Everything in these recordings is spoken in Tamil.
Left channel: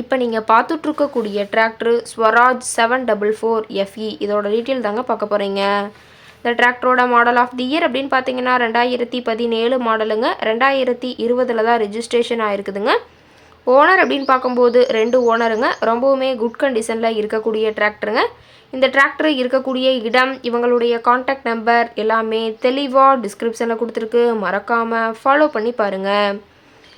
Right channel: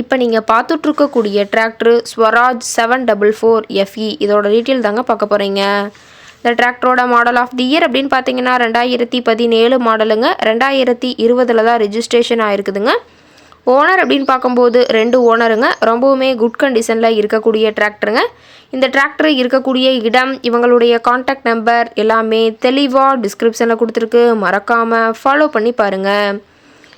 இப்போ நீங்கள் பார்த்துட்ருக்கக்கூடிய tractor Swaraj seven double four FE இதோட டீட்டெயில் தாங்க பார்க்க போகிறீங்க இந்த டிராக்டரோட மாடல் ஆஃப் தி இயர் அப்படின்னு பார்த்தீங்கன்னா ரெண்டாயிரத்தி பதினேழு மாடலுங்க ரெண்டாயிரத்தி இருபதில் தான் ரிஜிஸ்ட்ரேஷன் ஆயிருக்குதுங்க. ஓனர் அப்படின்னு பார்க்கும்போது ரெண்டு ஓனருங்க ரொம்பவுமே குட் கண்டிஷனில் இருக்கக்கூடிய டிராக்டருங்க இந்த டிராக்டர் இருக்கக்கூடிய இடம் இவங்களுடைய காண்டாக்ட் நம்பர் எல்லாமே தெளிவாக டிஸ்கிரிப்ஷனில் கொடுத்துருக்கு. மறக்காமல் ஃபாலோ பண்ணி பாருங்கள்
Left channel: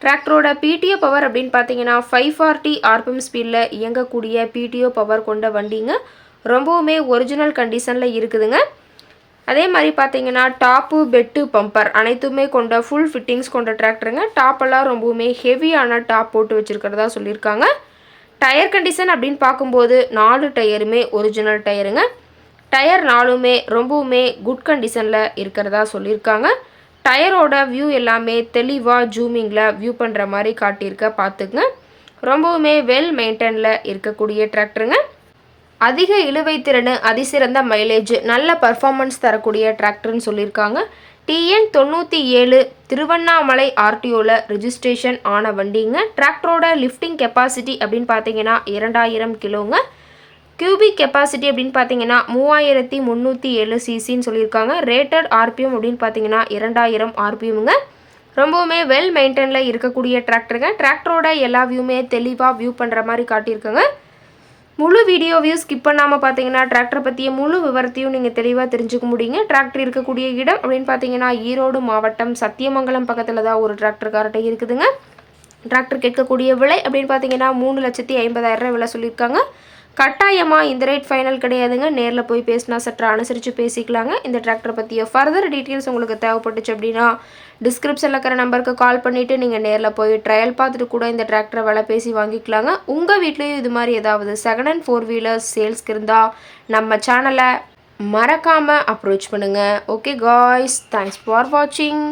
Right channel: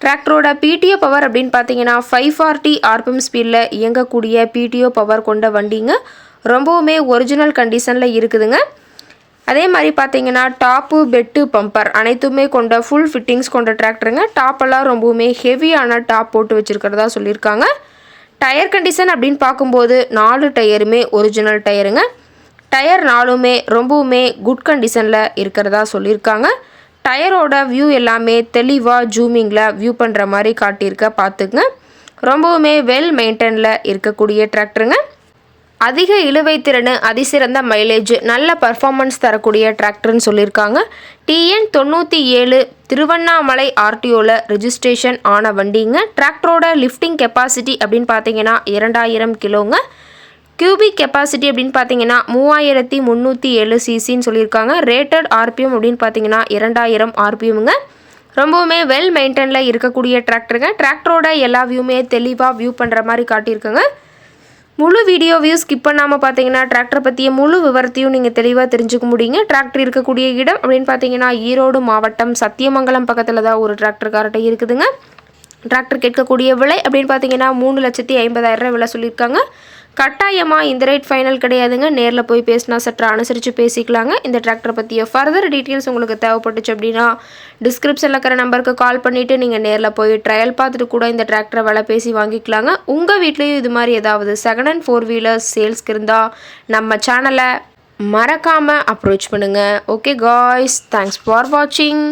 டிராக்டரோட பிடிஓ பவர் அப்படின்னு பார்த்தீங்கன்னா ஃபைவ் ஃபார்ட்டி ஆர்பிஎம் ஸ்பீடில் இயங்கக்கூடிய பிடிஓ பவர் கொண்ட வண்டிங்க. ரொம்பவுமே ஒரிஜினல் கண்டிஷனில் இருக்குதுங்க. அதே மாதிரி பார்த்தீங்கன்னா டாப்பு பெட்டு பம்பர் அனைத்துமே கொண்ட ஃபுல் ஃபிட்டிங்ஸ் கொண்ட டிராக்டருங்க டாப்பெல்லாம் ரொம்பவுமே ஹெவியான டாப் போட்டு வச்சுருக்கிறதா சொல்லியிருக்காங்க. டயர் கண்டிஷன் அப்படின்னு பார்க்கும்போது நாலு டயருமே ஒரிஜினல் டயருங்க டயர் நாலுமே ரொம்பவுமே குட் கண்டிஷனில் இருக்கிறதா சொல்லியிருக்காங்க. டயரோட வியூ எல்லாமே தெளிவாக ஜூமிங்கில் வியூ பண்ணுற மாதிரி காட்டியிருக்க பார்த்துங்க ரொம்பவுமே வெல் மெயின்டைனில் இருக்கக்கூடிய டிராக்டருங்க அதிக இழுவை திறன் அதிசிறந்த மைலேஜ் நல்ல பர்ஃபார்மன்ஸ் தரக்கூடிய டிராக்டர்னு சொல்லியிருக்காங்க. டிஎன் தொண்ணூற்றி ஏழு திருவண்ணாமலை ஆர்டிஓவில் ரிஜிஸ்ட்ரேஷன் ஆன வண்டிங்க. டிராக்டரோட லிஃப்டிங் கெப்பாசிட்டி அப்படின்னு பார்த்தீங்கன்னா இரண்டாயிரம் கிலோங்க கியூபிக் கெப்பாசிட்டி அப்படின்னு பார்த்தீங்கன்னா மூவாயிரத்தி முந்நூற்றி ஏழு சிசின்னு சொல்லியிருக்காங்க. ரேட்டட் ஆர்பிஎம் அப்படின்னு பார்த்தீங்கன்னா இரண்டாயிரம் ஆர்பிஎம்ங்க ரொம்பவுமே வெல் மெயின்டெயினில் இருக்கக்கூடிய டிராக்டருங்க டிராக்டரோட எல்லா வியூமே தெளிவாக வியூ பண்ணுற மாதிரி காட்டியிருக்குங்க. முழு வீடியோ வியூ ஸ்கிப் பண்ணாமல் பார்த்தீங்கன்னா டிராக்டர் பற்றிய முழு விவரத்தையும் நீங்கள் தெளிவாக தெரிஞ்சுக்க முடியுங்க. டிராக்டர் இருக்கக்கூடிய இடம் அப்படின்னு பார்த்தீங்கன்னா ஈரோடு மாவட்டம் சத்தியமங்கலம் பக்கத்தில் தான் ஒரு டிராக்டர்கார்ட்டை இருக்குதுங்க. டிராக்டர் கேட்கக்கூடிய விலை அப்படின்னு பார்த்தீங்கன்னா மூணு லட்சத்தி ஐம்பதாயிரம் விலை சொல்லியிருக்காங்க. கட்டாயமாக இந்த ரேட் ஃபைனல் கிடையாதுங்க. நேரில் போய் பேசினா சற்று அனுசரித்து பேசிக்கலாங்க. இந்த டிராக்டரை பற்றிய ஃபர்தர் டீட்டெயில்ஸ் உங்களுக்கு தேவைப்பட்டுச்சு அப்படின்னா டிஸ்கிரிப்ஷனில் இருக்கிற நம்பருக்கு கால் பண்ணிவிட்டு நீங்கள் நேரில் போய் ட்ரையல் பார்த்துட்டு கூட இந்த டிராக்டரை விலை பேசி வாங்கிக்கலாங்க. உங்கள் வீட்லேயும் இது மாதிரி ஏதாவது செகண்ட் அண்ட் ஃபோர் வீலர்ஸ் சேல்ஸ்க்கு இருந்தால் நம்ம சேனலை மறக்காமல் அப்ரோச் பண்ணுங்கள் ஓகே காய்ஸ் தேங்க்ஸ் ஃபார் வாட்சிங்